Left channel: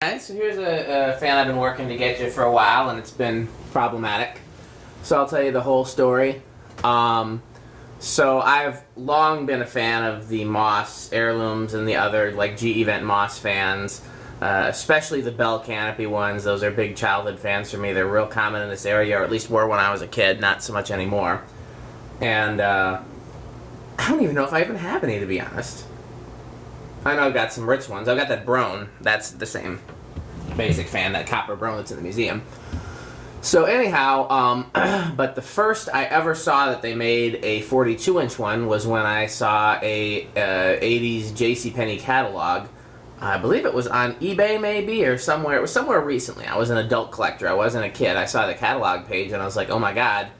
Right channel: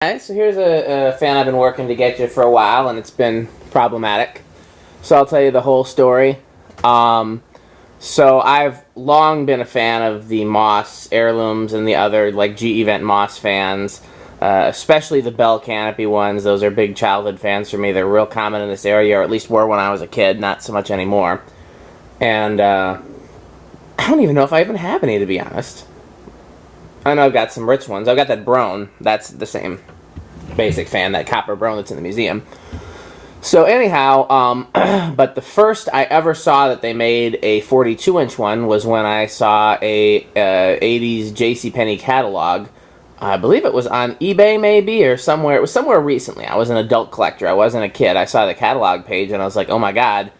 Alright, so here's a fan I've been working to get you for a while, and it's been problematic. So I'll tell you the whole story. So I've long been a fan of the Moss heirlooms and the other like GE Vent Moss fans, especially the Bell Canopy ones. Those are big childhood fans for me. They're real common in this area, or at least were when I was a kid, not so much anymore. And I don't even know if I even have any, to be honest. I know I've got some rich ones. I've got that Brone. That's the same basic fan, that copper Brone that's in the museum. So anyhow, but the first I ever saw that they made a 42-inch one was when I saw a 80s JCPenney catalog. I believe it was on eBay maybe, or somewhere. It was somewhere recently. I was an adult collector. I wasn't a kid. I saw the catalog page and I was like, oh my god,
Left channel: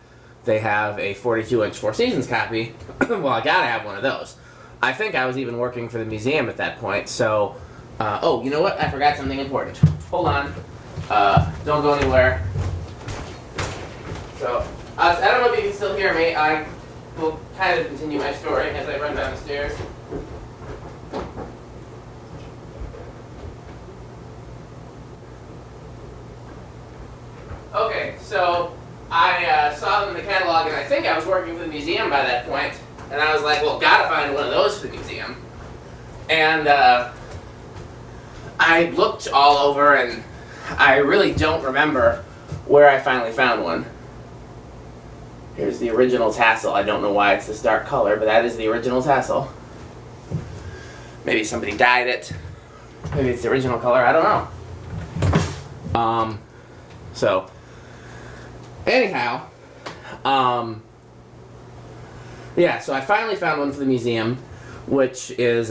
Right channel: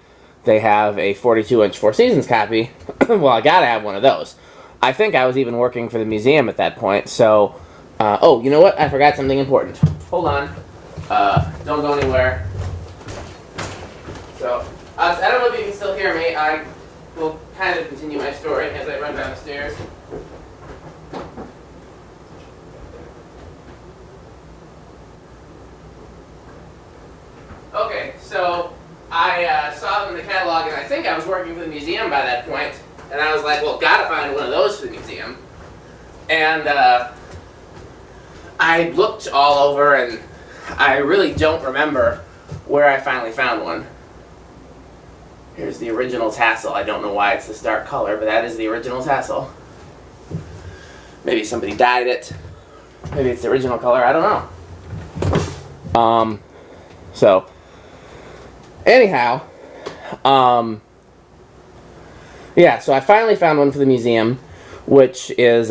they have a 42-inch Four Seasons copy. Well, I gotta have one of those. I think I was even working for the museum at that point, so... oh, you know what? I forgot something important. Hold on. Don't go anywhere. So, I don't know if you can still hear me. I will kind of continue my story as I run down the stairs. Okay, so I saw them in the catalog, and I think I was working for the museum by that point. And I was like, well, gotta find one of those for the museum. And I looked all over, and I really don't remember where I finally found one. Here's the original tassel. I don't know why it's this dark color, but that is the original tassel. Maybe somebody dyed it. Maybe it's the original color. I don't know. So, anyhow, yeah, so I finally found one for the museum, which is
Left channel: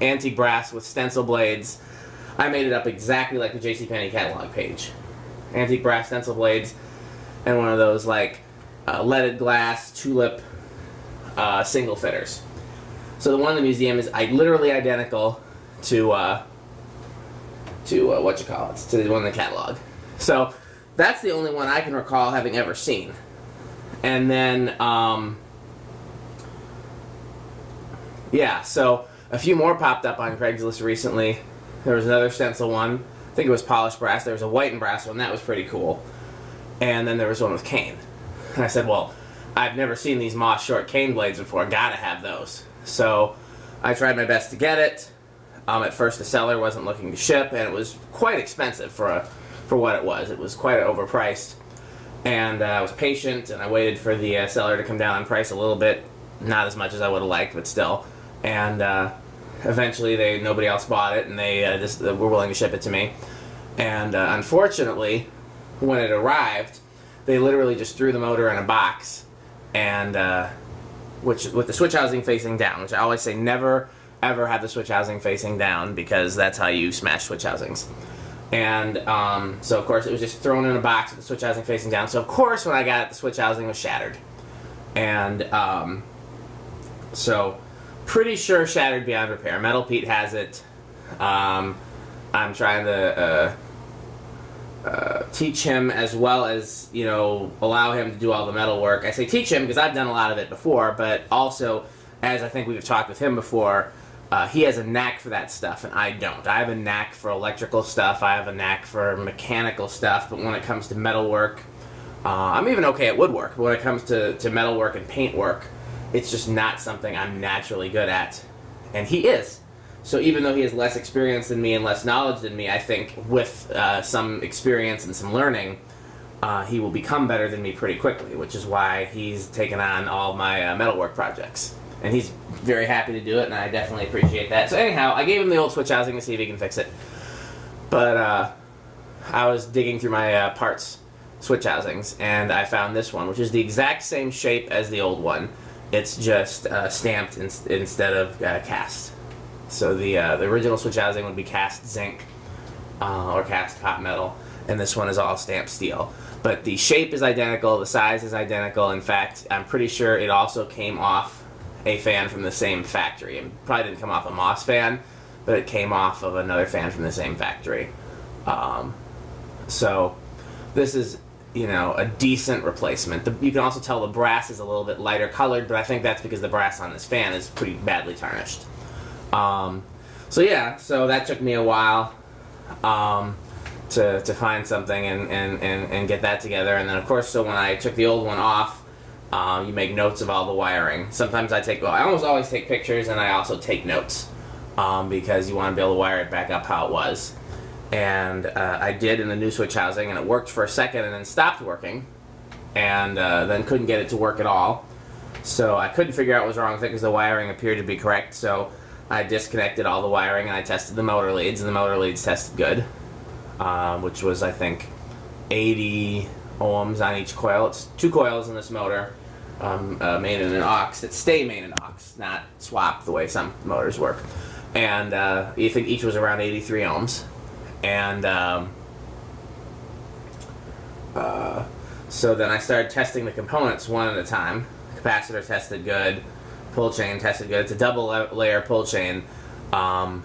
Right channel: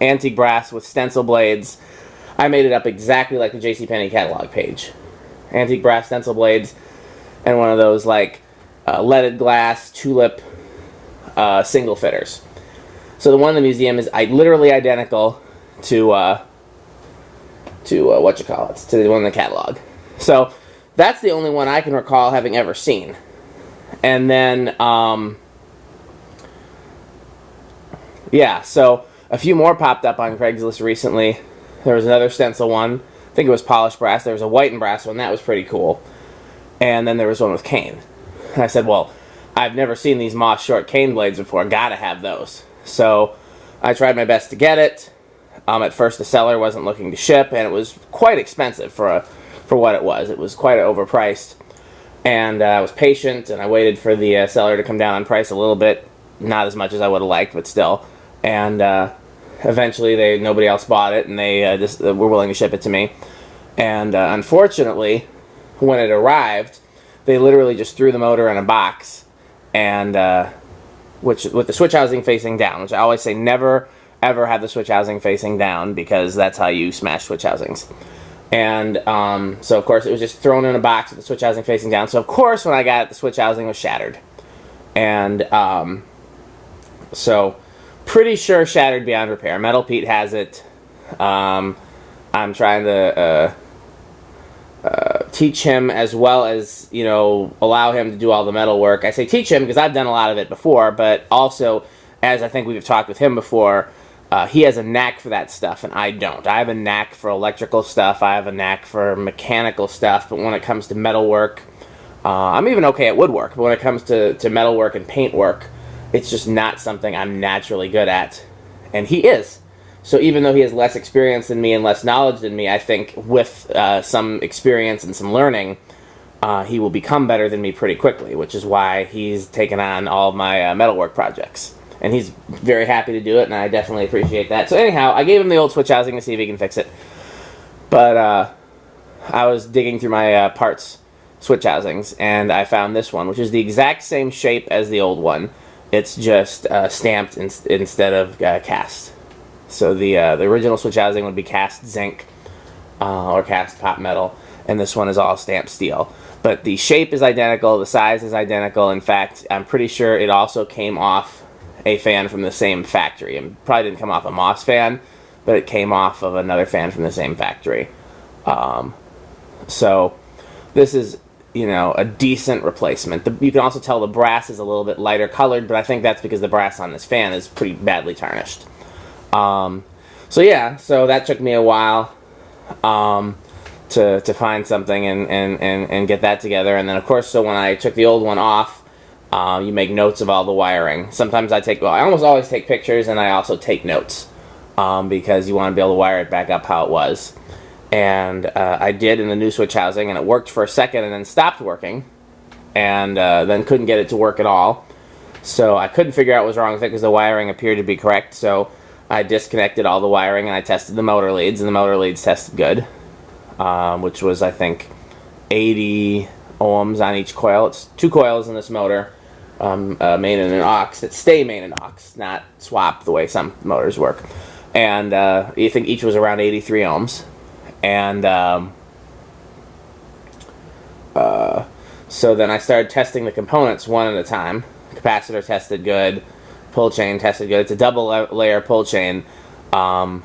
antique brass with stencil blades. I made it up exactly like the JCPenney catalog page. Antique brass stencil blades and one of those like leaded glass tulip single fitters. So the one in the museum is literally identical to what you call it, to the one in the catalog. So that's the only one I can recall having ever seen. And then yeah, so a few more popped up on Craigslist recently. There was another stencil one. I think it was polished brass. There was a white and brass one. That was pretty cool. And then there was one with cane. And I said, well, I've never seen these Moss short cane blades before. Gotta have those. So I tried my best to get it. At first the seller wasn't looking to ship, and it was quite expensive for what it was. It was quite overpriced. And I was patient, and I waited for the seller to come down on price a little bit. Not as much as I would have liked, but still. And eventually nobody else bought it, and they just were willing to ship it to me. And unfortunately, when it arrived, they literally just threw the motor in a box, and with the switch housing facing down, which I always say never ever have the switch housing facing down, because that's how you smash switch housings. And so of course it was just thrown in a box with the switch housing facing down. So of course when I got it, the switch housing was shattered. And so pretty sure shattered beyond repair. Metal Pete has it. I'm trying to teach him, as well as, you know, allow him to do all the metal work. I say teach him because I've done a lot of it before, but also, as I think we've talked with him before, he has a knack for that stuff, and I don't. I have a knack for electrical stuff. I have a knack for mechanical stuff, but when it comes to metal work, I'm even okay at woodwork, but when it comes to metal work and paint work, it's just not something I'm naturally good at. And he is. So even though he has less experience than me and less knowledge than me, I think with some experience and some learning, he will become better than me pretty quickly, which is why he's taken on all of my metalwork projects. And he's very happy to do it, and I definitely appreciate that. So anyhow, I gave him the old switch housing to see if he can fix it. But I was digging through my parts switch housings, and I found this one, which is the exact same shape as the old one. It's just stamped instead of cast. So the original switch housing would be cast zinc or cast pot metal, and this one is all stamped steel. But the shape is identical, the size is identical. In fact, I'm pretty sure it also came off a fan from the same factory. It probably didn't come off a Moss fan, but it came off of another fan from the same factory. So this is, you know, a decent replacement. You can also tell the brass is a little bit lighter colored, but I think that's because the brass on this fan is pretty badly tarnished. So yeah, so that took me a while. to find something and get that together. And then, of course, so when I took the old one off, you make notes of all the wiring. Sometimes I almost always take pictures, and I also take notes because you want to be able to wire it back up how it was. And I did in the new switch housing, and it worked for a second and then stopped working, and then couldn't get it to work at all. So I couldn't figure out what was wrong with it because the wiring appeared to be correct. So I disconnected all the wiring, and I tested the motor leads, and the motor leads tested good, which was, I think, 80 ohms on each coil. It's 2 coils in this motor, main and an aux, that stay main and aux, not swap the way some motors work. And you think each was around 83 ohms. And so then I started testing the components one at a time. Capacitor tested good, pull chain tested good. It's a double layer pull chain. The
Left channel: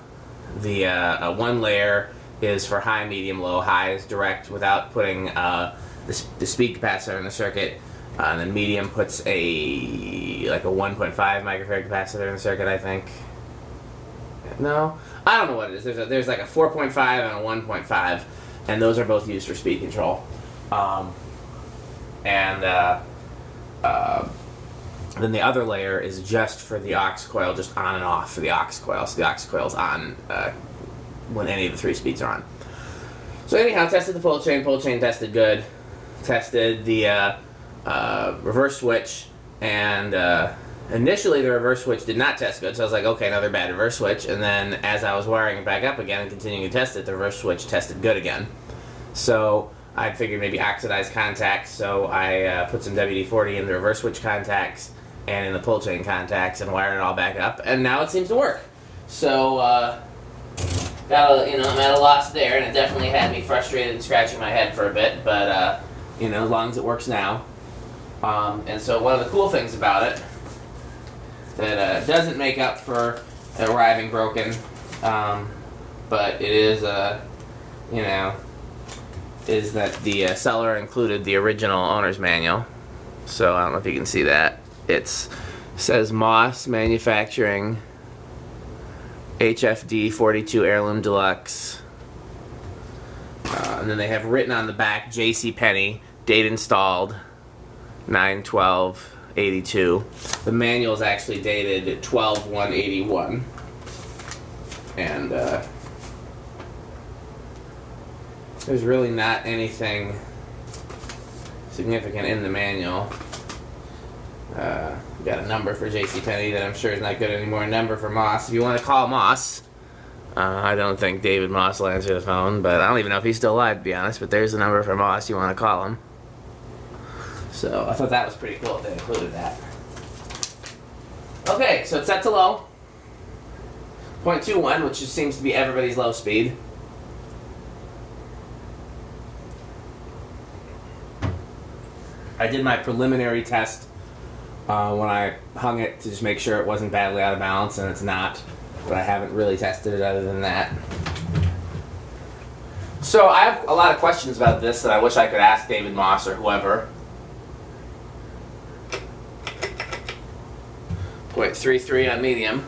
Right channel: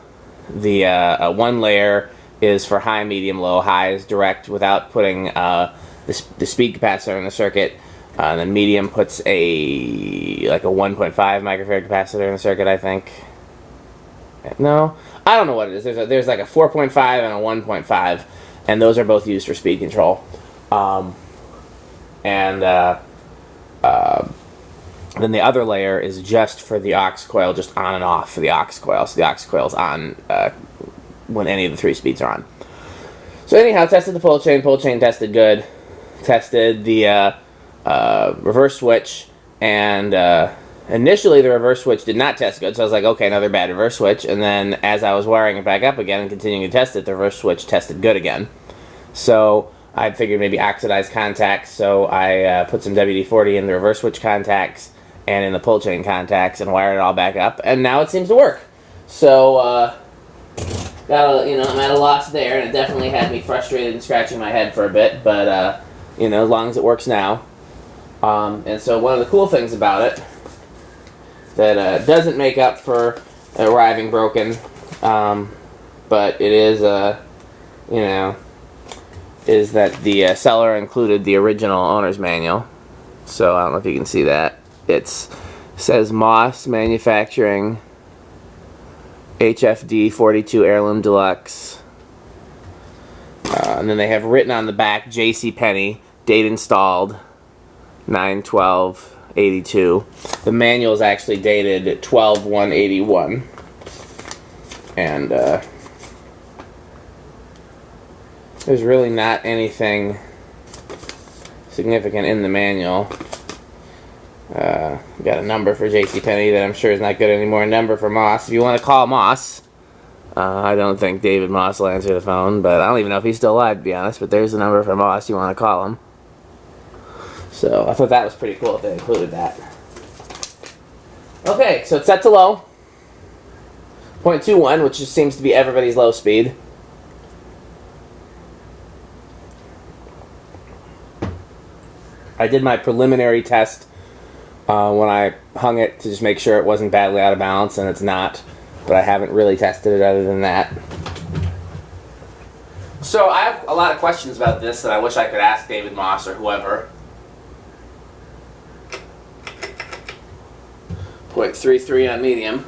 one layer is for high, medium, low. High is direct without putting the speed capacitor in the circuit. And then medium puts a 1.5 microfarad capacitor in the circuit, I think. No, I don't know what it is. There's like a 4.5 and a 1.5, and those are both used for speed control. Then the other layer is just for the aux coil, just on and off for the aux coil. So the aux coil's on when any of the 3 speeds are on. So anyhow, tested the pull chain tested good. Tested the reverse switch, and initially the reverse switch did not test good, so I was like, okay, another bad reverse switch. And then as I was wiring it back up again and continuing to test it, the reverse switch tested good again. So I figured maybe oxidized contacts, so I put some WD-40 in the reverse switch contacts and in the pull chain contacts and wired it all back up, and now it seems to work. So I'm at a loss there, and it definitely had me frustrated and scratching my head for a bit, but as long as it works now. And so one of the cool things about it that doesn't make up for arriving broken, but it is, is that the seller included the original owner's manual. So I don't know if you can see that. It says Moss Manufacturing HFD-42 Heirloom Deluxe. And then they have written on the back JCPenney, date installed 9/12/82. The manual is actually dated 12/1/81. And there's really not anything significant in the manual. Got a number for JCPenney that I'm sure is not good anymore. A number for Moss. If you want to call Moss, I don't think David Moss will answer the phone, but I don't even know if he's still alive, to be honest. But there's the number for Moss. You want to call him. So I thought that was pretty cool if they included that. Okay, so it's set to low. 0.21, which just seems to be everybody's low speed. I did my preliminary test when I hung it to just make sure it wasn't badly out of balance, and it's not. But I haven't really tested it other than that. So I have a lot of questions about this that I wish I could ask David Moss or whoever. 0.33 on medium.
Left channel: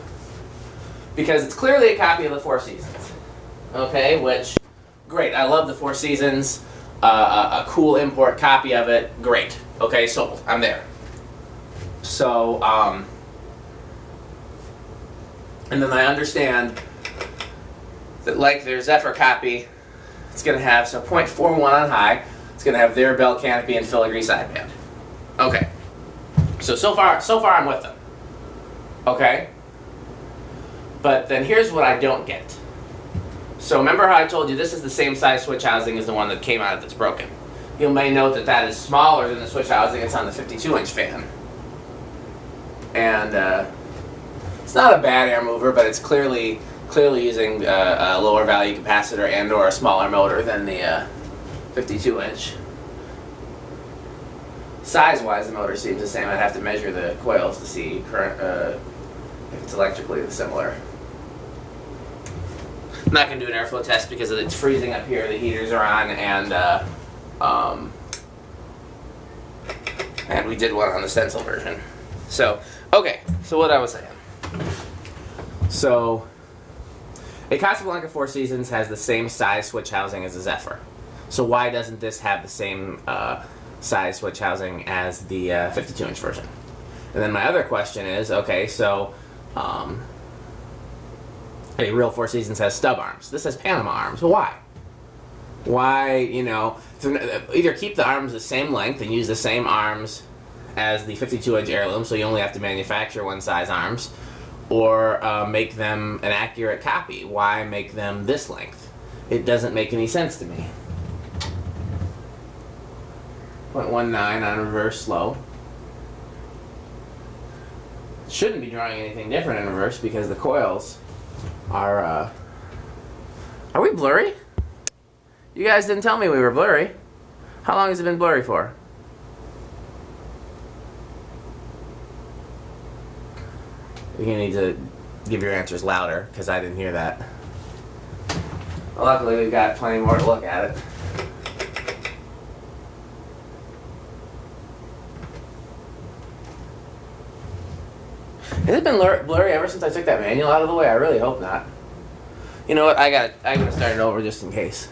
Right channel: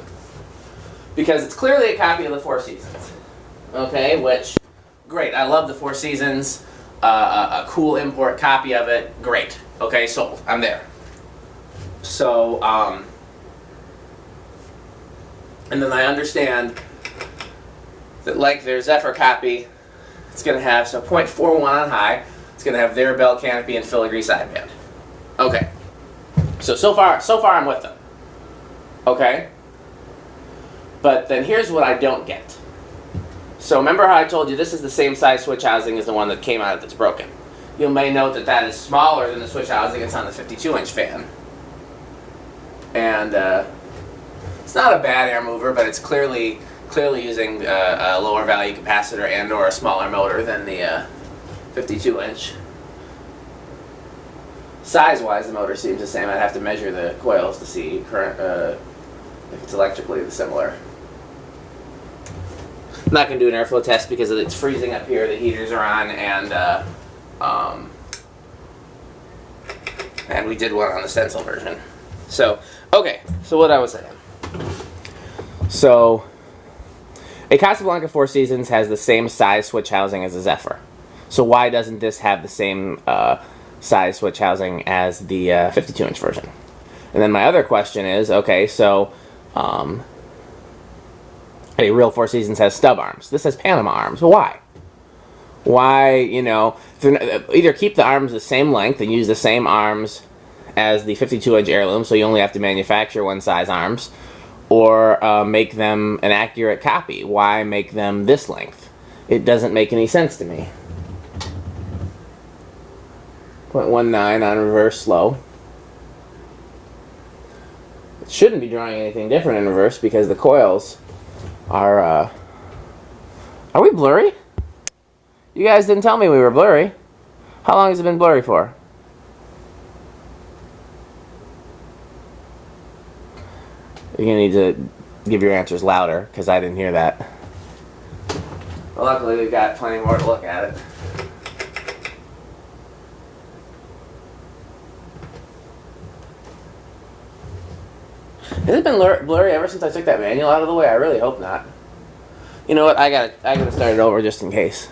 Because it's clearly a copy of the Four Seasons. Okay, which, great. I love the Four Seasons. A cool import copy of it. Great. Okay, sold. I'm there. So, and then I understand that, like their Zephyr copy, it's going to have, so 0.41 on high, it's going to have their bell canopy and filigree sideband. Okay. So far I'm with them. Okay? But then here's what I don't get. So remember how I told you this is the same size switch housing as the one that came out that's broken. You may note that that is smaller than the switch housing that's on the 52-inch fan. And it's not a bad air mover, but it's clearly using a lower value capacitor and or a smaller motor than the 52-inch. Size-wise, the motor seems the same. I'd have to measure the coils to see current if it's electrically similar. I'm not going to do an airflow test because it's freezing up here. The heaters are on, and we did one on the stencil version. So, okay. So what I was saying. So, A Casablanca Four Seasons has the same size switch housing as a Zephyr. So why doesn't this have the same size switch housing as the 52-inch version? And then my other question is, okay, so a real Four Seasons has stub arms. This has Panama arms. Why? Why, you know, either keep the arms the same length and use the same arms as the 52-inch heirloom, so you only have to manufacture one size arms, or make them an accurate copy. Why make them this length? It doesn't make any sense to me. 0.19 on reverse slow. It shouldn't be drawing anything different in reverse because the coils are we blurry? You guys didn't tell me we were blurry. How long has it been blurry for? You're going to need to give your answers louder, because I didn't hear that. Well, luckily, we've got plenty more to look at it. Has it been blurry ever since I took that manual out of the way? I really hope not. You know what? I gotta start it over just in case.